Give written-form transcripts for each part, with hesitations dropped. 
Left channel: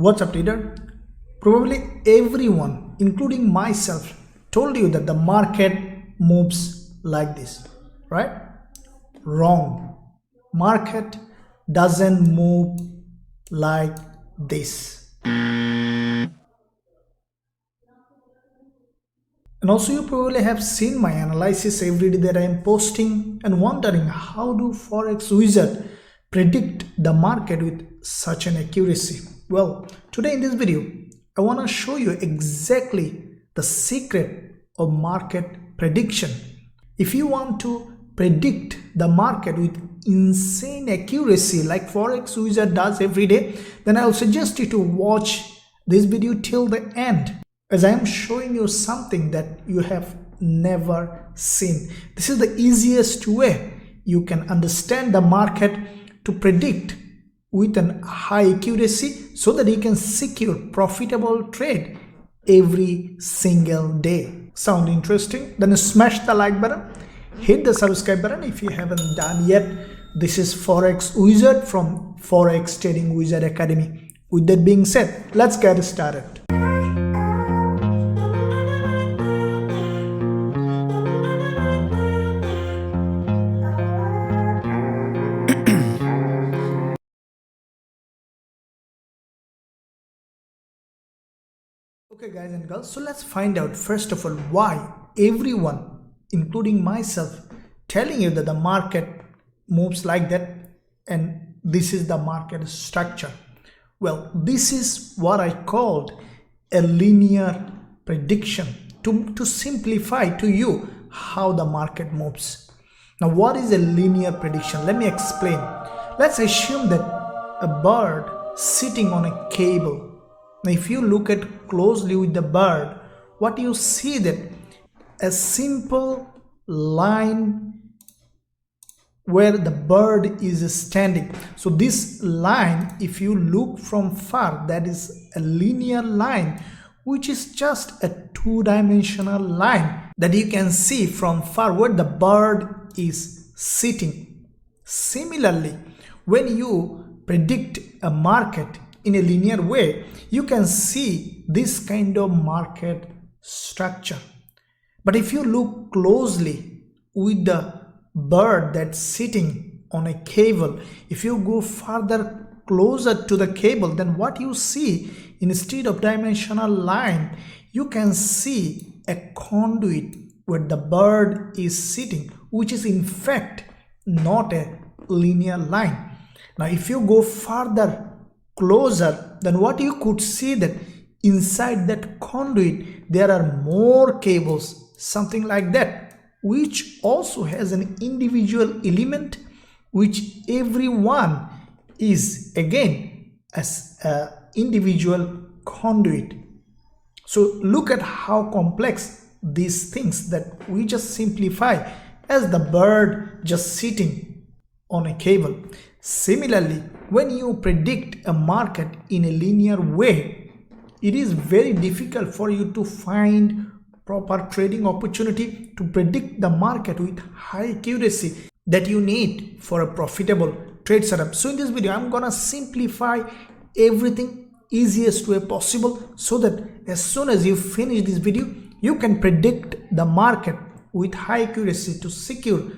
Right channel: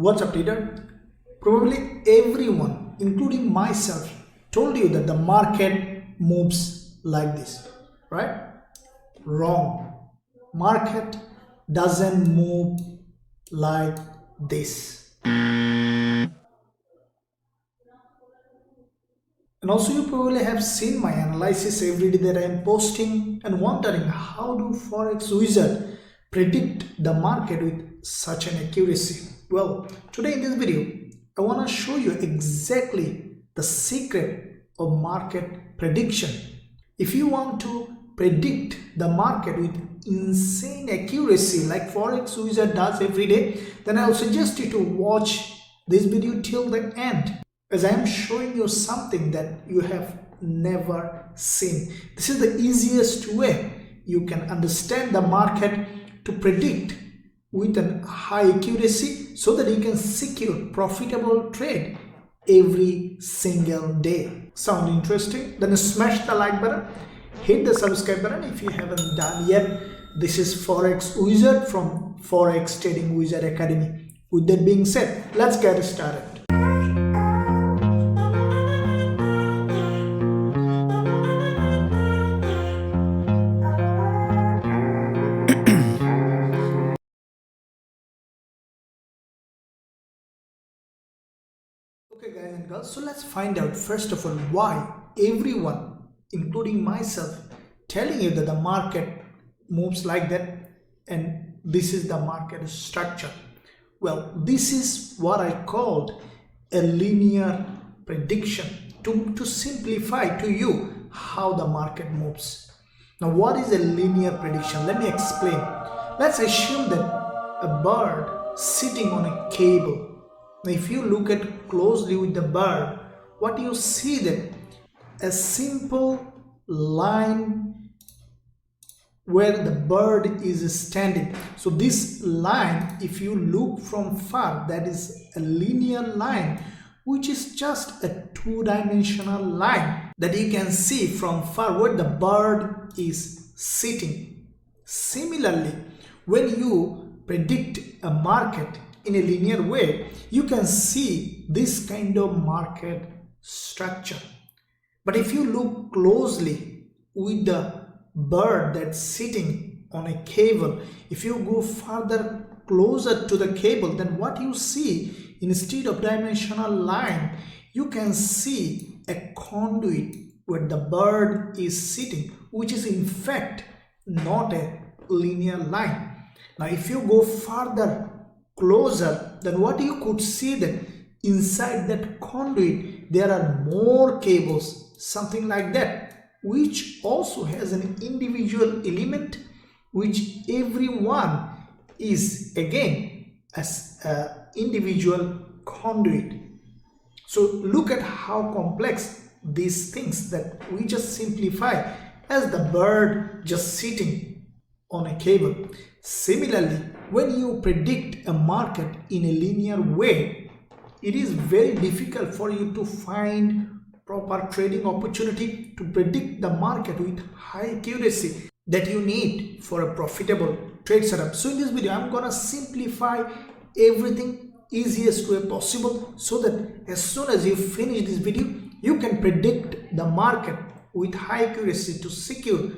What's up, leader? Probably everyone, including myself, told you that the market moves like this, right? Wrong. Market doesn't move like this. And also, you probably have seen my analysis every day that I am posting and wondering how do forex wizard predict the market with such an accuracy. Well, today in this video I want to show you exactly the secret of market prediction. If you want to predict the market with insane accuracy like forex wizard does every day, then I'll suggest you to watch this video till the end, as I am showing you something that you have never seen. This is the easiest way you can understand the market to predict with a high accuracy so that you can secure profitable trade every single day. Sound interesting? Then smash the like button, hit the subscribe button if you haven't done yet. This is Forex Wizard from Forex Trading Wizard Academy. With that being said, let's get started. Okay guys and girls, so let's find out first of all why everyone, including myself, telling you that the market moves like that and this is the market structure. Well, this is what I called a linear prediction to simplify to you how the market moves. Now, what is a linear prediction? Let me explain. Let's assume that a bird sitting on a cable. Now, if you look at closely with the bird, what you see that a simple line where the bird is standing. So this line, if you look from far, that is a linear line, which is just a two-dimensional line that you can see from far where the bird is sitting. Similarly, when you predict a market in a linear way, you can see this kind of market structure. But if you look closely with the bird that's sitting on a cable, if you go further closer to the cable, then what you see, instead of dimensional line, you can see a conduit where the bird is sitting, which is in fact not a linear line. Now if you go further closer, then what you could see that inside that conduit there are more cables, something like that, which also has an individual element, which everyone is again as an individual conduit. So look at how complex these things that we just simplify as the bird just sitting on a cable. Similarly, when you predict a market in a linear way, it is very difficult for you to find proper trading opportunity to predict the market with high accuracy that you need for a profitable trade setup. So in this video, I'm gonna simplify everything easiest way possible so that as soon as you finish this video, you can predict the market with high accuracy to secure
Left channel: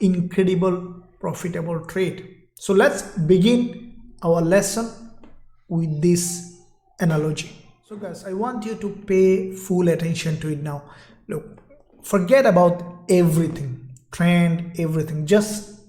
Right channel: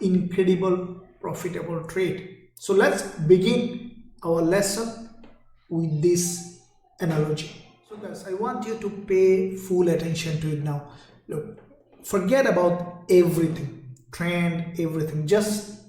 incredible profitable trade. So let's begin our lesson with this analogy. So guys, I want you to pay full attention to it now. Look, forget about everything, trend, everything. Just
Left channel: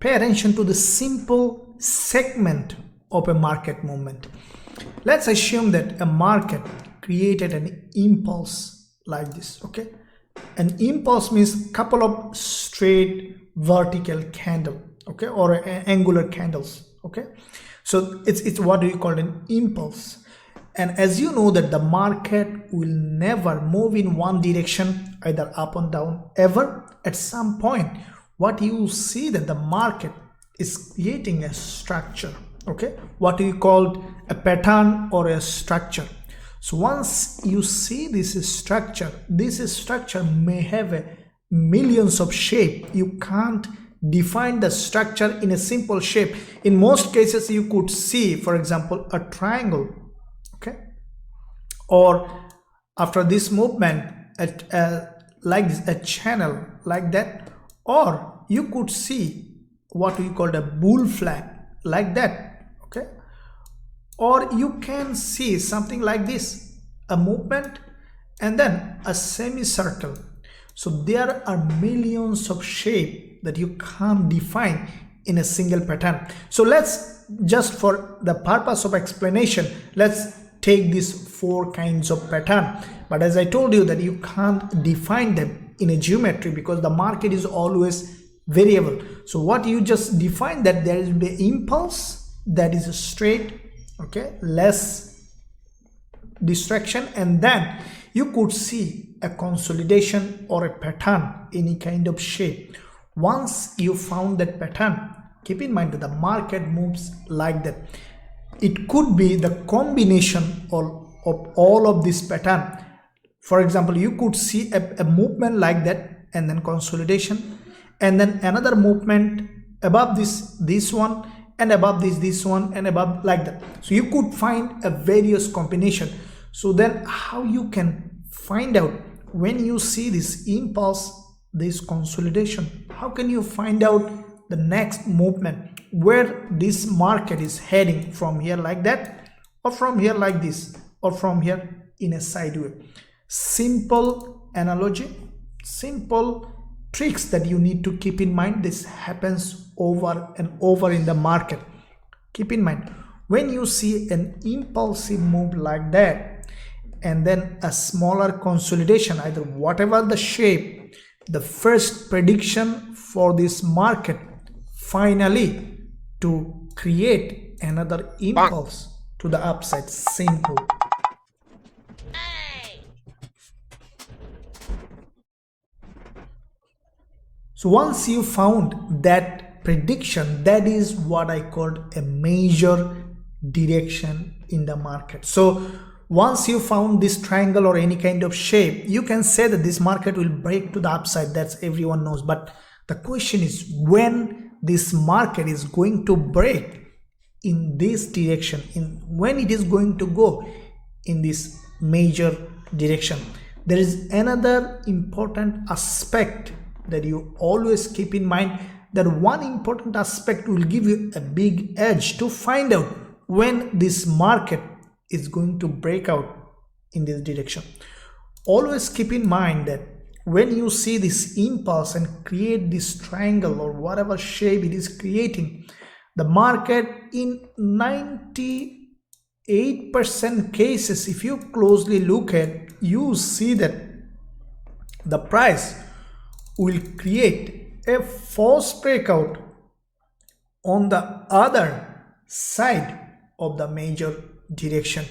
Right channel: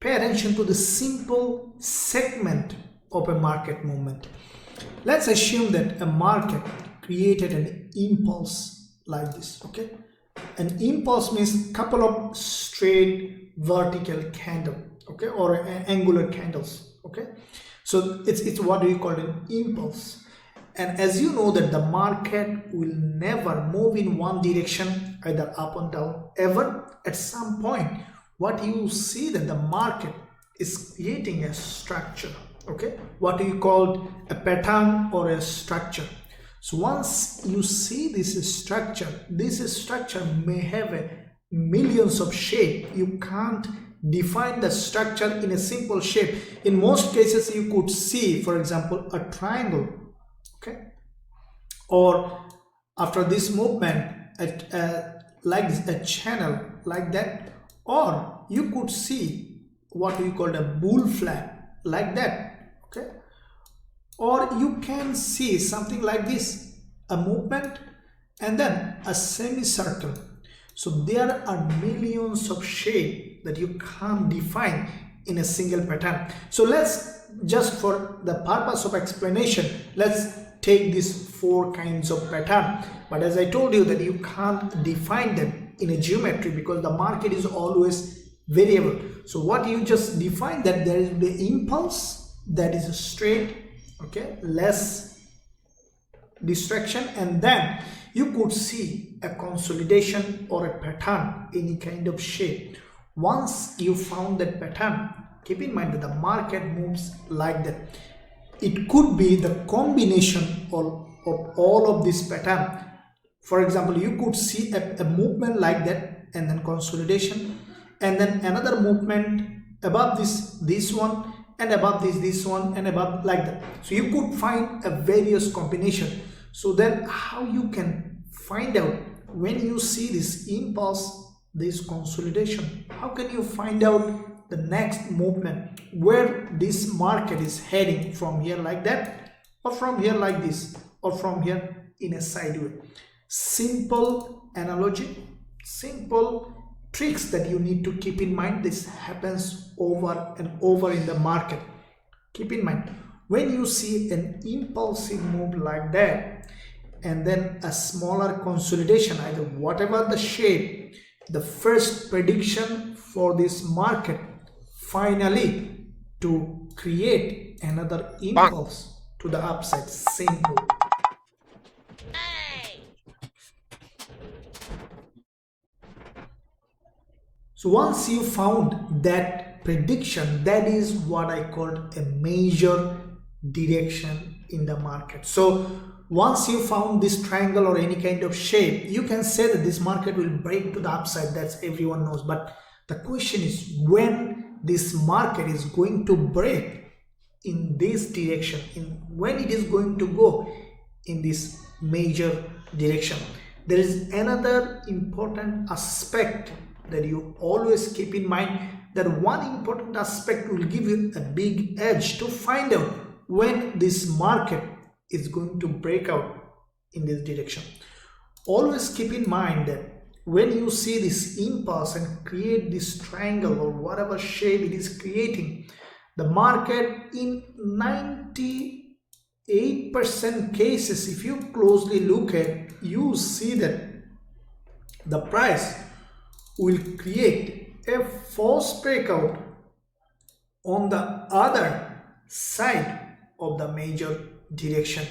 pay attention to the simple segment of a market movement. Let's assume that a market created an impulse like this, okay? An impulse means couple of straight vertical candle, okay, or angular candles, okay? So it's what do you call an impulse. And as you know that the market will never move in one direction, either up or down, ever. At some point, what you see that the market is creating a structure, okay? What you call a pattern or a structure. So once you see this structure may have millions of shapes. You can't define the structure in a simple shape. In most cases you could see, for example, a triangle, okay, or after this movement like a channel like that, or you could see what we call a bull flag like that, okay, or you can see something like this, a movement and then a semicircle. So there are millions of shapes that you can't define in a single pattern. So let's, just for the purpose of explanation, let's take these 4 kinds of pattern. But as I told you that you can't define them in a geometry because the market is always variable. So what you just define, that there will be impulse that is straight, okay, less distraction, and then you could see a consolidation or a pattern, any kind of shape. Once you found that pattern, keep in mind that the market moves like that. It could be the combination of all of this pattern. For example, you could see a movement like that and then consolidation, and then another movement above this one, and above this one, and above like that. So you could find a various combination. So then how you can find out when you see this impulse, this consolidation, how can you find out the next movement, where this market is heading, from here like that, or from here like this, or from here in a sideway? Simple analogy, simple tricks that you need to keep in mind. This happens over and over in the market. Keep in mind, when you see an impulsive move like that and then a smaller consolidation, either whatever the shape, the first prediction for this market finally to create another impulse to the upside. Simple. So once you found that prediction, that is what I called a major direction in the market. So once you found this triangle or any kind of shape, you can say that this market will break to the upside. That's everyone knows. But the question is when this market is going to break in this direction, when it is going to go in this major direction. There is another important aspect that you always keep in mind, that one important aspect will give you a big edge to find out when this market is going to break out in this direction. Always keep in mind that when you see this impulse and create this triangle or whatever shape it is creating, the market in 98% cases, if you closely look at, you see that the price will create a false breakout on the other side of the major direction.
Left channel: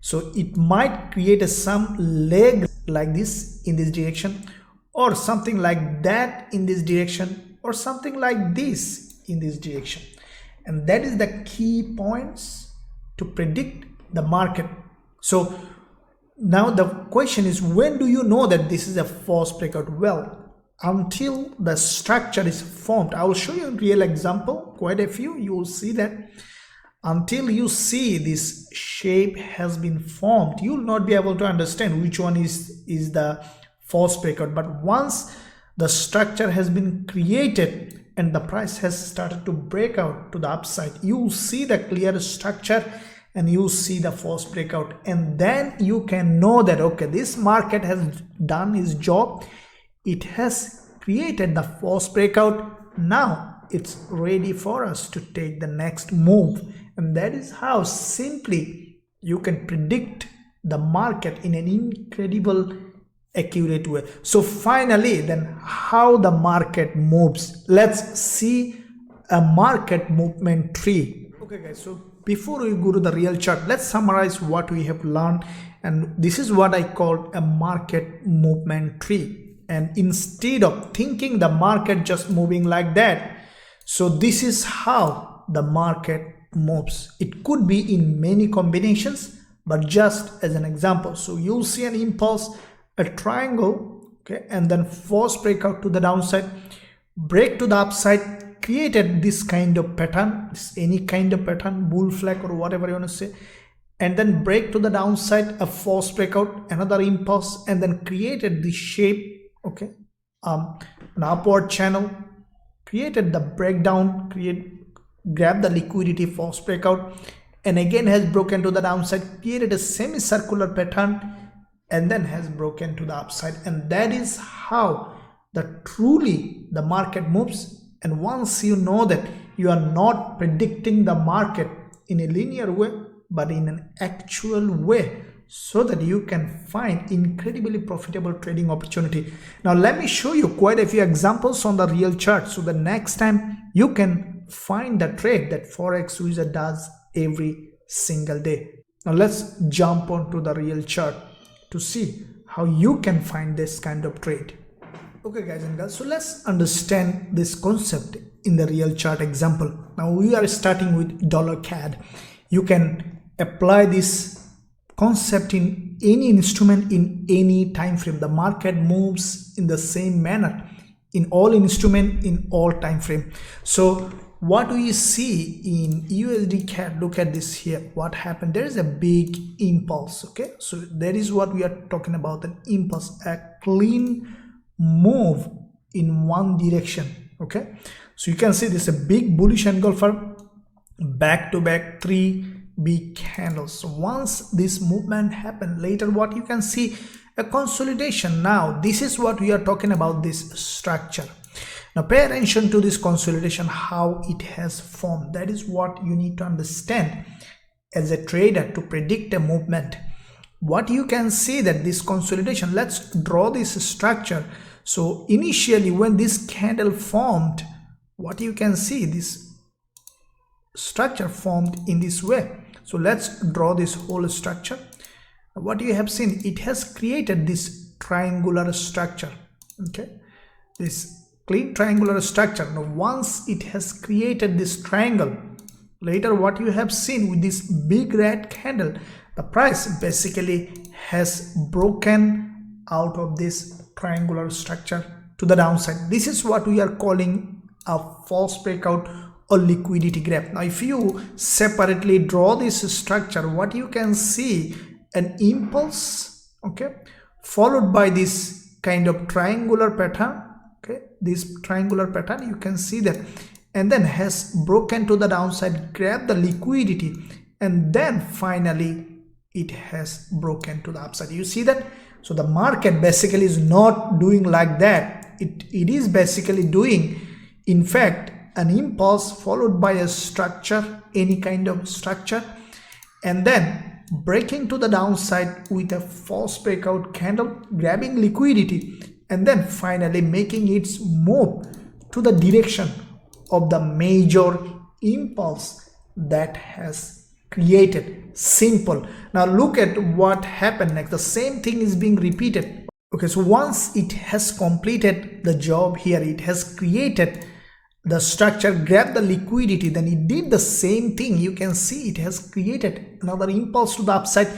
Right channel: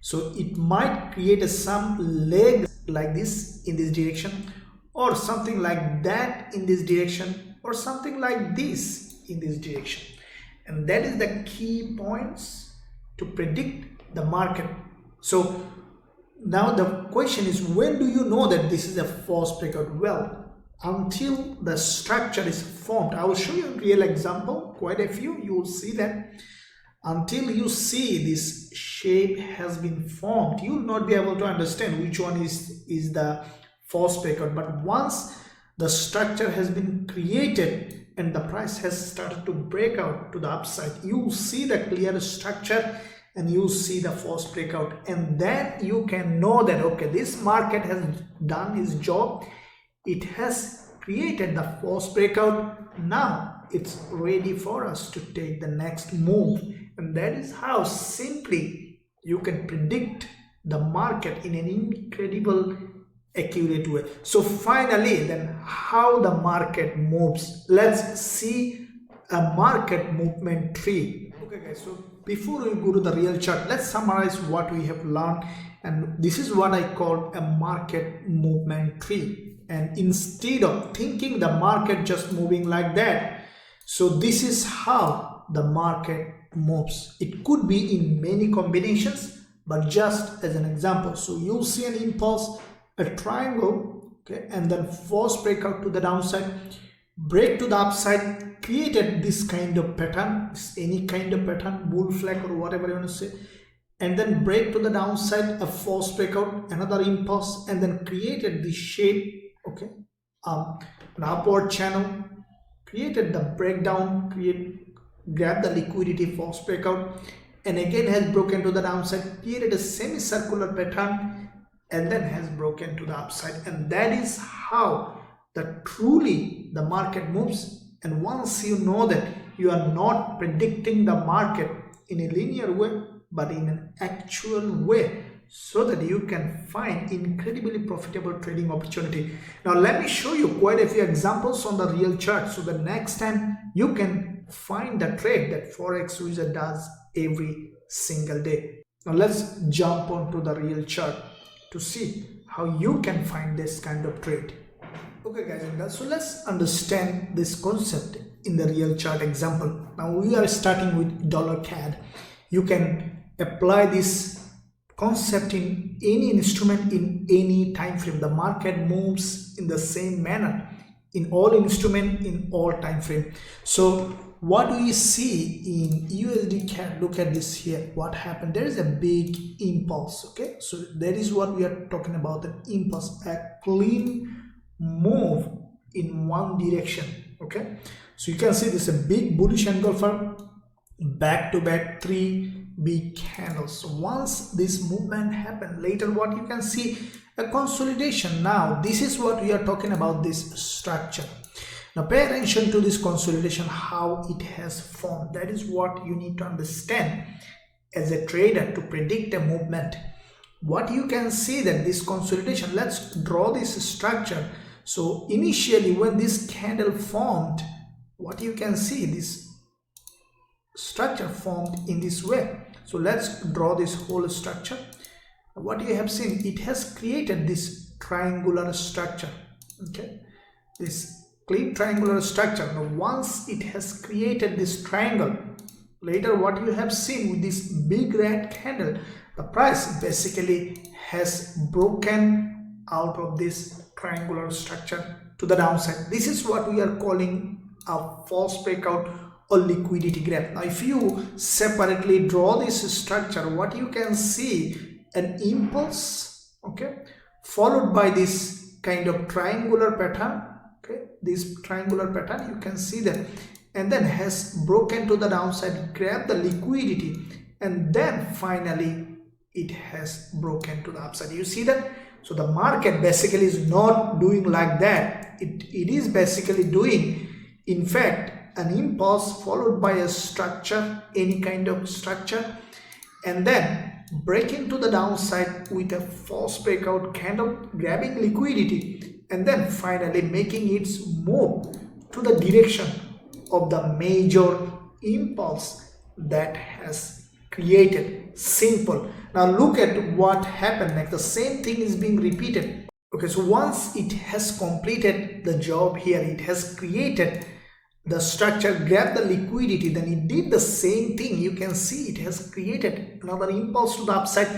So it might create some leg like this in this direction, or something like that in this direction, or something like this in this direction. And that is the key points to predict the market. So now the question is, when do you know that this is a false breakout? Well, until the structure is formed. I will show you a real example, quite a few. You will see that until you see this shape has been formed, you will not be able to understand which one is the false breakout. But once the structure has been created and the price has started to break out to the upside, you will see the clear structure and you see the false breakout, and then you can know that okay, this market has done its job. It has created the false breakout. Now it's ready for us to take the next move. And that is how simply you can predict the market in an incredible accurate way. So finally, then, how the market moves. Let's see a market movement tree. Okay guys, so before we go to the real chart, let's summarize what we have learned. And this is what I call a market movement tree. And instead of thinking the market just moving like that, so this is how the market moves. It could be in many combinations, but just as an example. So you'll see an impulse, a triangle, okay, and then false breakout to the downside. break to the upside, created this kind of pattern, any kind of pattern, bull flag or whatever you want to say, and then break to the downside, a false breakout, another impulse, and then created this shape, okay, an upward channel, created the breakdown, grab the liquidity, false breakout, and again has broken to the downside, created a semicircular pattern, and then has broken to the upside. And that is how truly the market moves. And once you know that you are not predicting the market in a linear way, but in an actual way, so that you can find incredibly profitable trading opportunity. Now let me show you quite a few examples on the real chart, so the next time you can find the trade that Forex Wizard does every single day. Now let's jump onto the real chart to see how you can find this kind of trade. Okay guys and girls, so let's understand this concept in the real chart example. Now we are starting with dollar CAD. You can apply this concept in any instrument in any time frame. The market moves in the same manner in all instrument in all time frame. So what we see in USD CAD, look at this here, what happened, there is a big impulse. Okay, so that is what we are talking about, an impulse, a clean move in one direction. Okay, so you can see this is a big bullish engulfer, back to back 3 big candles. So once this movement happened, later what you can see, a consolidation. Now this is what we are talking about, this structure. Now pay attention to this consolidation, how it has formed. That is what you need to understand as a trader to predict a movement. What you can see that this consolidation, let's draw this structure. So initially when this candle formed, what you can see, this structure formed in this way. So let's draw this whole structure. What you have seen, it has created this triangular structure. Okay, this clean triangular structure. Now once it has created this triangle, later what you have seen with this big red candle, the price basically has broken out of this triangular structure to the downside. This is what we are calling a false breakout or liquidity grab. Now if you separately draw this structure, what you can see, an impulse, okay, followed by this kind of triangular pattern. Okay, this triangular pattern, you can see that, and then has broken to the downside, grab the liquidity, and then finally it has broken to the upside. You see that? So the market basically is not doing like that. It is basically doing, in fact, an impulse followed by a structure, any kind of structure, and then breaking to the downside with a false breakout candle, grabbing liquidity, and then finally making its move to the direction of the major impulse that has created. Simple. Now look at what happened next. The same thing is being repeated. Okay, so once it has completed the job here, it has created the structure, grab the liquidity, then it did the same thing. You can see it has created another impulse to the upside,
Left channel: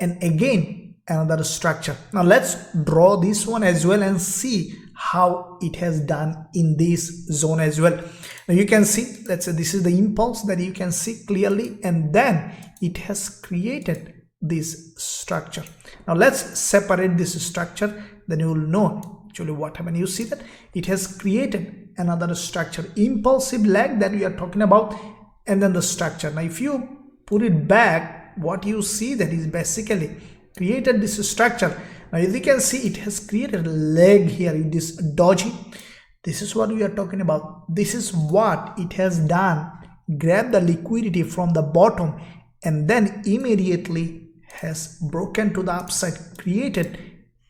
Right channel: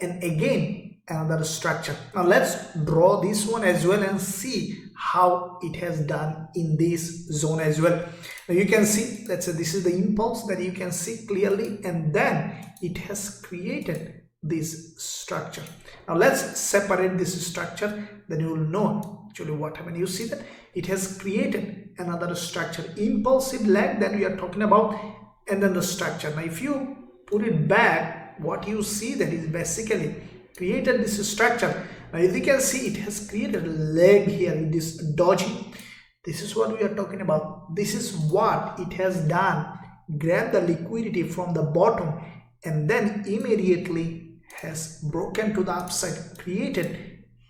and again another structure. Now let's draw this one as well and see how it has done in this zone as well. Now you can see, let's say this is the impulse that you can see clearly, and then it has created this structure. Now let's separate this structure, then you will know actually what happened. You see that it has created another structure, impulsive leg that we are talking about, and then the structure. Now if you put it back, what you see that is basically created this structure. Now as you can see, it has created a leg here in this doji. This is what we are talking about. This is what it has done, grab the liquidity from the bottom, and then immediately has broken to the upside, created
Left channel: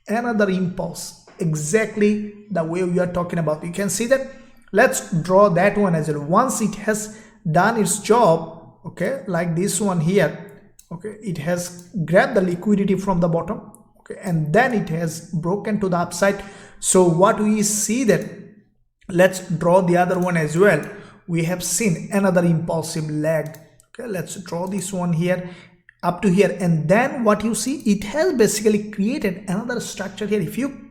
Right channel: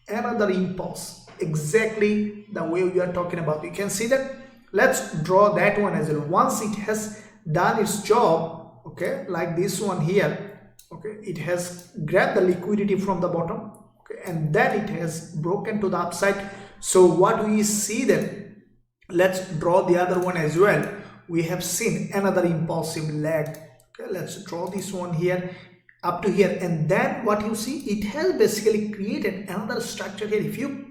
another impulse, exactly the way we are talking about. You can see that. Let's draw that one as well. Once it has done its job, okay, like this one here, okay, it has grabbed the liquidity from the bottom, okay, and then it has broken to the upside. So what we see then, let's draw the other one as well. We have seen another impulsive leg. Okay, let's draw this one here up to here, and then what you see, it has basically created another structure here. If you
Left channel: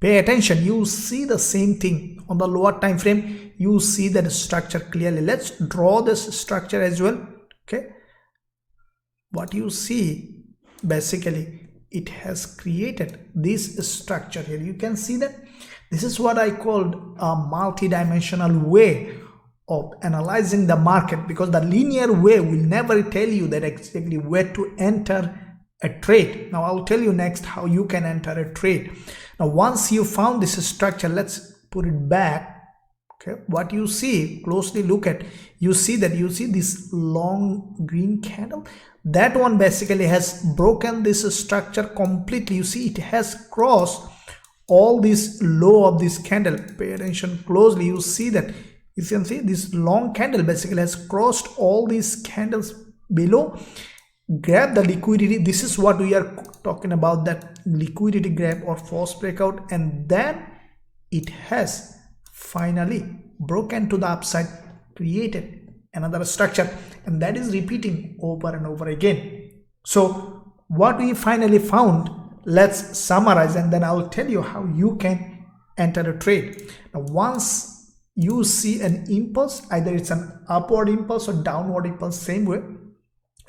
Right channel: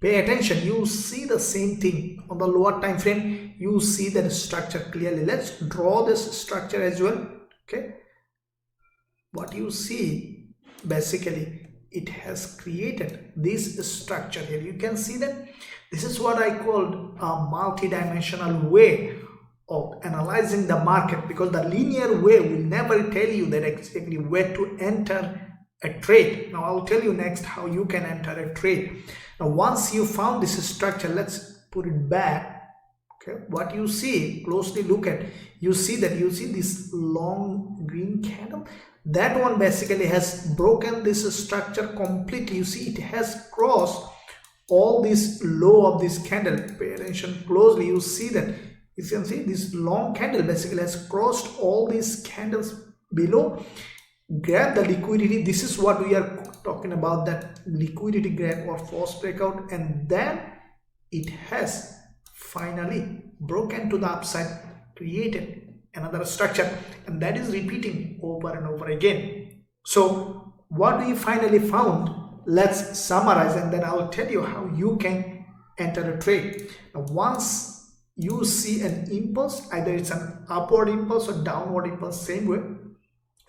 Pay attention, you see the same thing on the lower time frame. You see that structure clearly. Let's draw this structure as well. Okay, what you see, basically it has created this structure here. You can see that this is what I called a multi-dimensional way of analyzing the market, because the linear way will never tell you that exactly where to enter a trade. Now I'll tell you next how you can enter a trade. Now once you found this structure, let's put it back. Okay, what you see, closely look at, you see this long green candle. That one basically has broken this structure completely. You see it has crossed all this low of this candle. Pay attention closely, you see that, you can see this long candle basically has crossed all these candles below. Grab the liquidity. This is what we are talking about, that liquidity grab or false breakout, and then it has finally broken to the upside, created another structure, and that is repeating over and over again. So what we finally found, let's summarize, and then I will tell you how you can enter a trade. Now once you see an impulse, either it's an upward impulse or downward impulse, same way,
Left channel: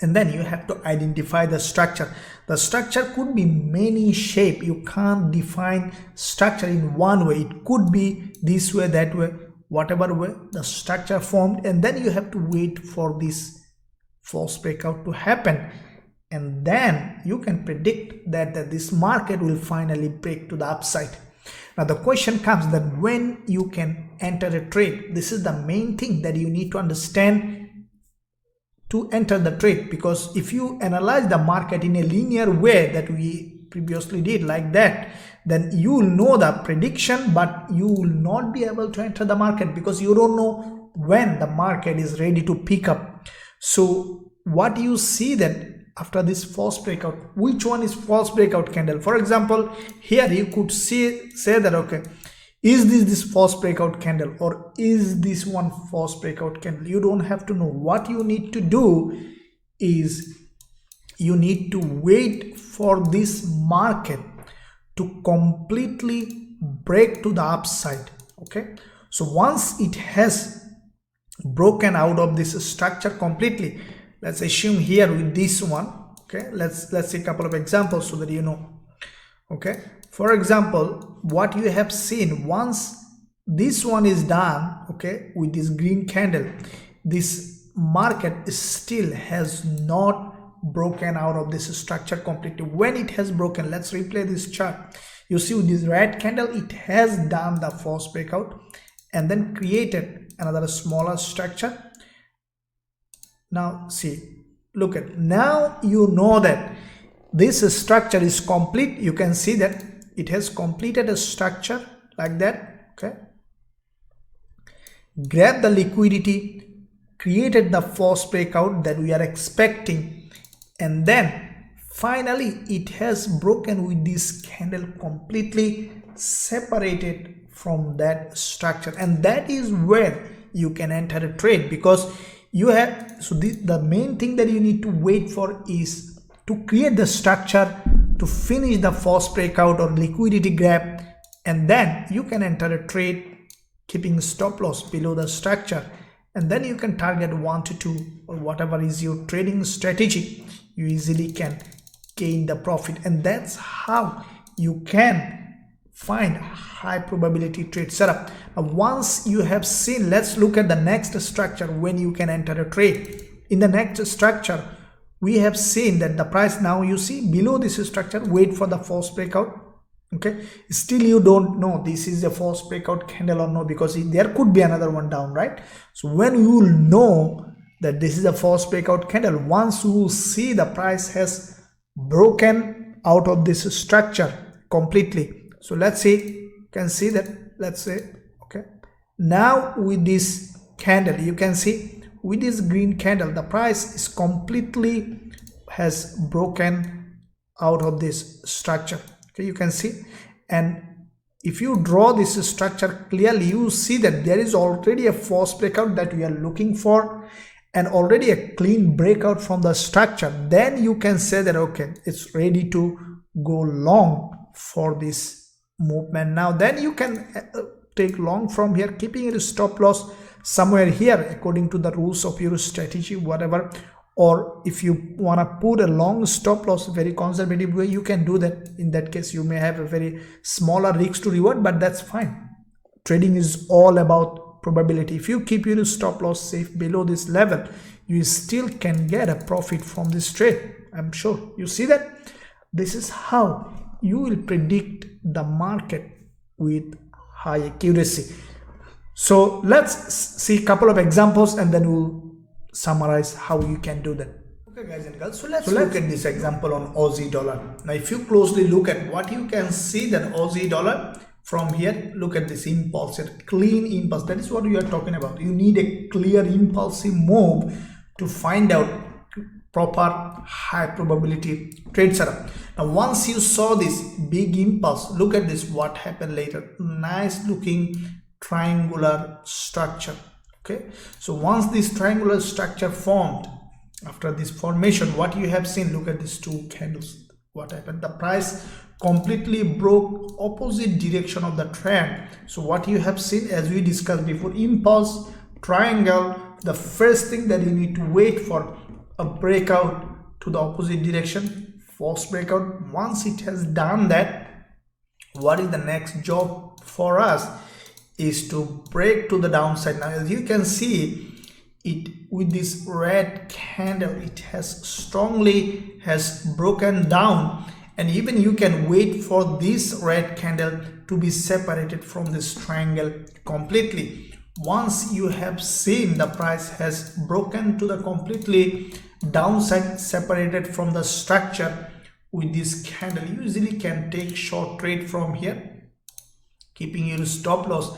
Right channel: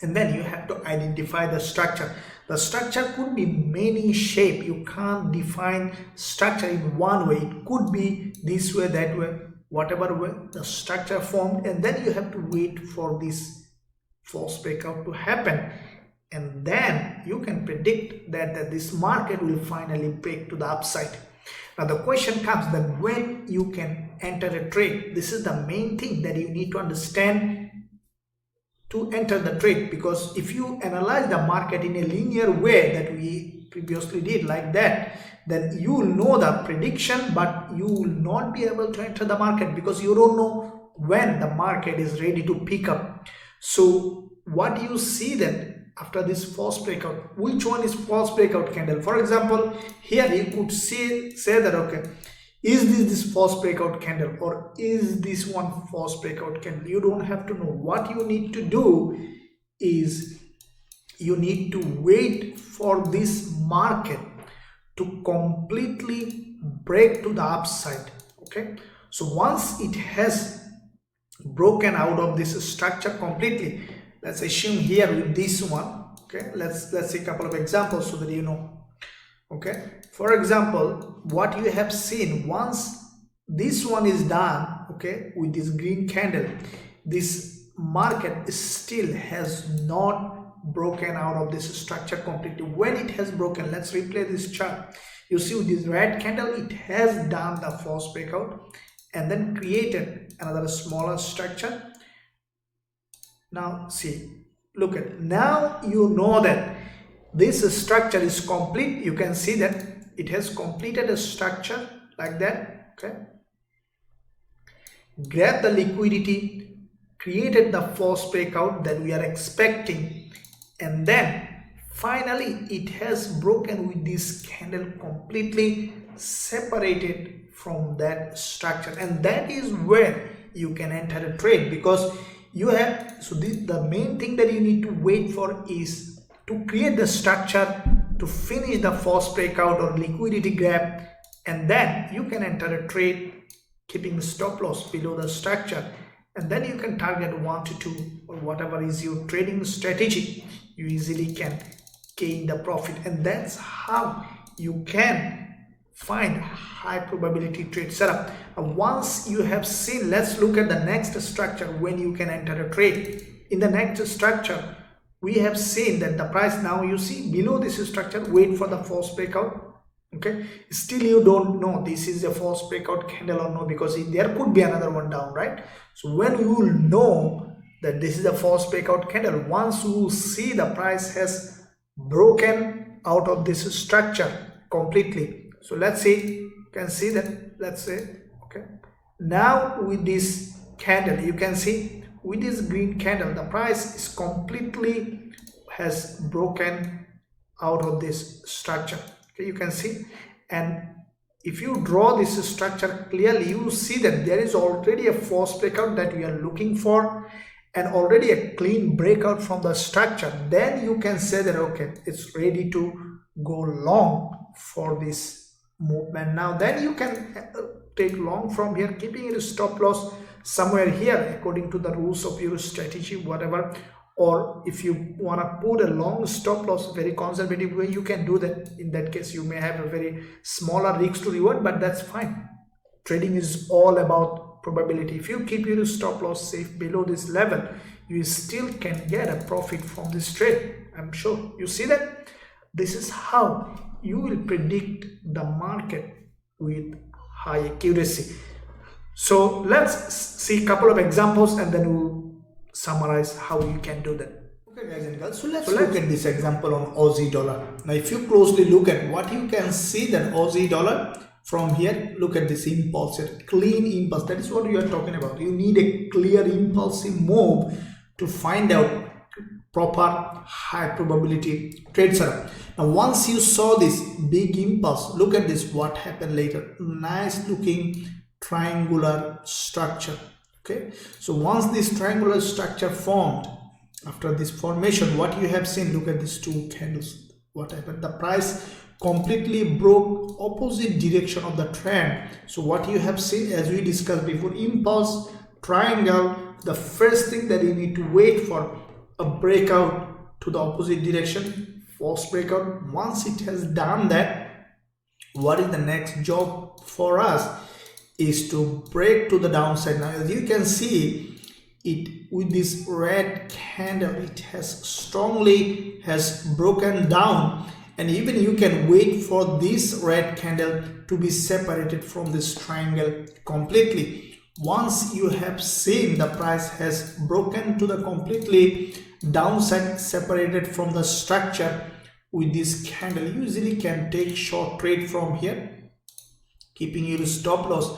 and then you have to identify the structure. The structure could be many shape. You can't define structure in one way. It could be this way, that way, whatever way the structure formed, and then you have to wait for this false breakout to happen, and then you can predict that this market will finally break to the upside. Now the question comes that when you can enter a trade. This is the main thing that you need to understand to enter the trade, because if you analyze the market in a linear way that we previously did like that, then you will know the prediction, but you will not be able to enter the market because you don't know when the market is ready to pick up. So what you see then after this false breakout, which one is false breakout candle? For example, here you could say that, okay, is this false breakout candle, or is this one false breakout candle? You don't have to know. What you need to do is you need to wait for this market to completely break to the upside. Okay, so once it has broken out of this structure completely, let's assume here with this one, okay, let's see a couple of examples so that you know. Okay, for example, what you have seen, once this one is done, okay, with this green candle, this market still has not broken out of this structure completely. When it has broken, let's replay this chart. You see with this red candle, it has done the false breakout and then created another smaller structure. Now see, look at, now you know that this structure is complete. You can see that it has completed a structure like that. Okay, grab the liquidity, created the false breakout that we are expecting, and then finally it has broken with this candle completely separated from that structure, and that is where you can enter a trade, because you have, so the main thing that you need to wait for is to create the structure, to finish the false breakout or liquidity grab, and then you can enter a trade keeping stop loss below the structure, and then you can target 1 to 2 or whatever is your trading strategy. You easily can gain the profit, and that's how you can find high probability trade setup. Once you have seen, let's look at the next structure when you can enter a trade. In the next structure, we have seen that the price, now you see below this structure, wait for the false breakout. Okay, still you don't know this is a false breakout candle or no, because there could be another one down, right? So when you will know that this is a false breakout candle, once you see the price has broken out of this structure completely. So let's see, you can see that, let's say, okay, now with this candle, you can see with this green candle, the price is completely has broken out of this structure. Okay, you can see, and if you draw this structure clearly, you see that there is already a false breakout that we are looking for, and already a clean breakout from the structure. Then you can say that, okay, it's ready to go long for this movement. Now then you can take long from here, keeping it a stop loss somewhere here according to the rules of your strategy, whatever. Or if you want to put a long stop loss, very conservative way, you can do that. In that case, you may have a very smaller risk to reward, but that's fine. Trading is all about probability. If you keep your stop loss safe below this level, you still can get a profit from this trade. I'm sure you see that. This is how you will predict the market with high accuracy. So let's see a couple of examples and then we'll summarize how you can do that. Okay guys and girls, so let's look at this example on Aussie dollar. Now if you closely look at what you can see, that Aussie dollar from here, look at this impulse, a clean impulse. That is what we are talking about. You need a clear impulsive move to find out proper high probability trade setup. Now once you saw this big impulse, look at this, what happened later. Nice looking triangular structure. Okay, so once this triangular structure formed, after this formation, what you have seen, look at these two candles. What happened? The price completely broke opposite direction of the trend. So what you have seen, as we discussed before, impulse triangle, the first thing that you need to wait for a breakout to the opposite direction, false breakout. Once it has done that, what is the next job for us is to break to the downside. Now as you can see it with this red candle, it has strongly broken down, and even you can wait for this red candle to be separated from this triangle completely. Once you have seen the price has broken to the completely downside, separated from the structure with this candle, you easily can take short trade from here, keeping your stop loss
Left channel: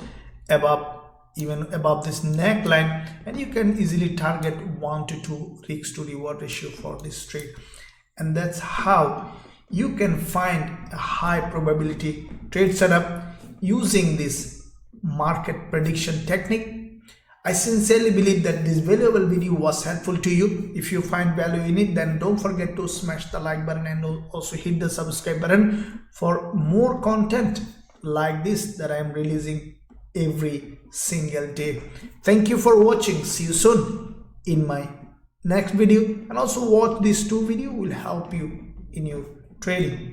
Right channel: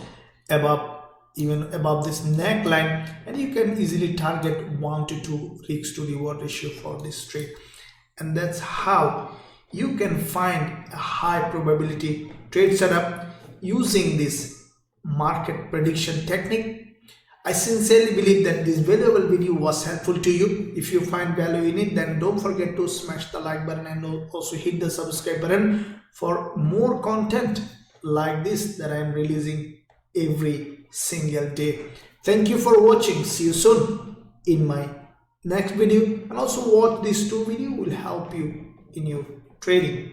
above, even above this neckline, and you can easily target 1 to 2 risk to reward ratio for this trade. And that's how you can find a high probability trade setup using this market prediction technique. I sincerely believe that this valuable video was helpful to you. If you find value in it, then don't forget to smash the like button and also hit the subscribe button for more content like this that I am releasing every single day. Thank you for watching. See you soon in my next video, and also watch these two videos, will help you in your trading.